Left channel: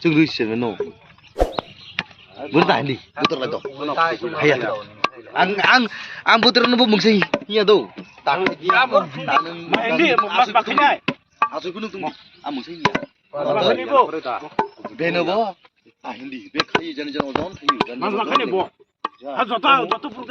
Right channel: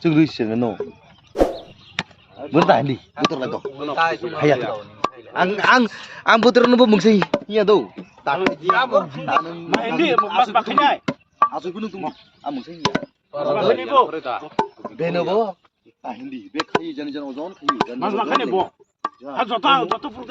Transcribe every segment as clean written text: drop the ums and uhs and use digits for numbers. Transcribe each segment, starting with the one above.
Chung lui xem nó muốn tải đi bút lại đó hay ang bút nó bung sih iya tuh main di mas pakainya asal kuning tuh bung sih iya bener boh hindi be khai jangan ojon khai mas pakainya boh jatuh perut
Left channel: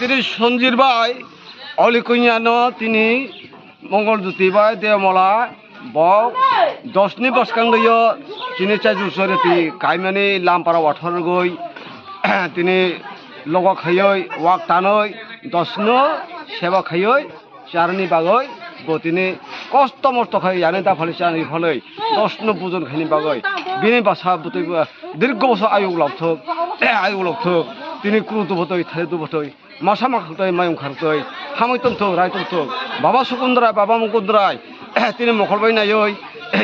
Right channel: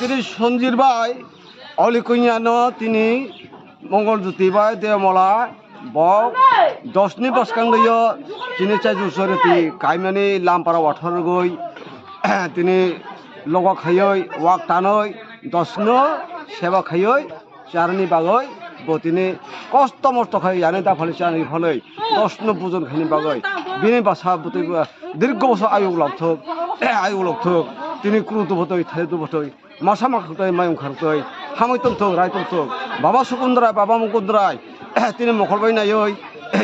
তিনি সঞ্জির ভাই অলিকুইয়ানো তিনি মঙ্গল জ্যোতি ভাই দেমলা বক দশনি বসকাং লইয় চিনি চাই জুসরতি কাইমানি লামপারা ওয়াঠর গই তিনি log খাইয় walk টানই দশনো সেবা খাইয় চারনি বাগৈ বতিনি কষ্ট মষ্ট খাই জানে দা ফলে চানি ফলে দশনো বুজন খাইনি বাগৈ বিনি বাসা বতৈ দীর্ঘ বছর আয়ুগ লগথক তিনি ক্রুতো বতৈ থালিতো বতৈ মাসা মাখাতৈ মায়ং খারতৈ হাमै তমথক রায় তমথক বাবা সুকুন্দরায় বাবা মুকুন্দরায় তিনি মকল বাই নায়ৈ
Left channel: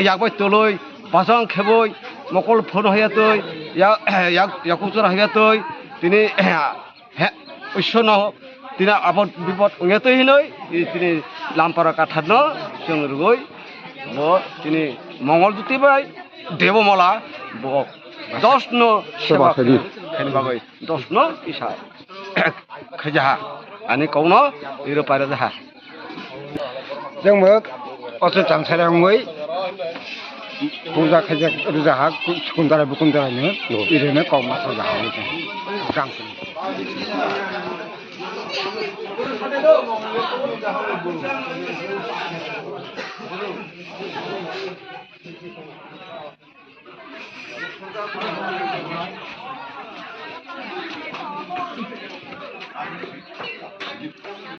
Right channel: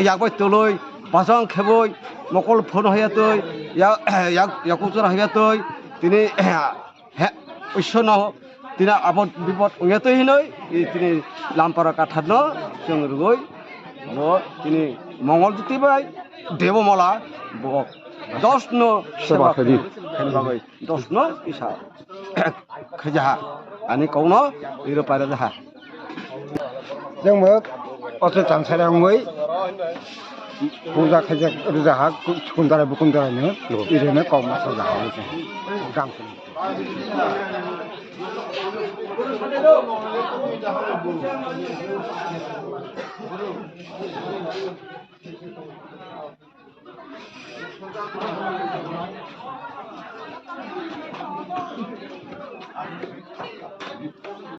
ইয়াকবাই তলৈ বাজাং খেবৈ মকল ফোন হইয়াতৈ ইয়াকুচরা হইয়াতৈ তিনি Aishwar Tina abot bibot ngeto hinoi tini lampara kathadno jeng rugoi bo tini mongol duti bai devo mola bo 10 no seba khani bagai 10 no isa khajaha ani kauno iro para jaha जोंबो असे जांसाराङै बुजा खायजा जाहा सुकुनदारा बुकुनदारानो इरेनो कौमासा जाहाबो जों गांसो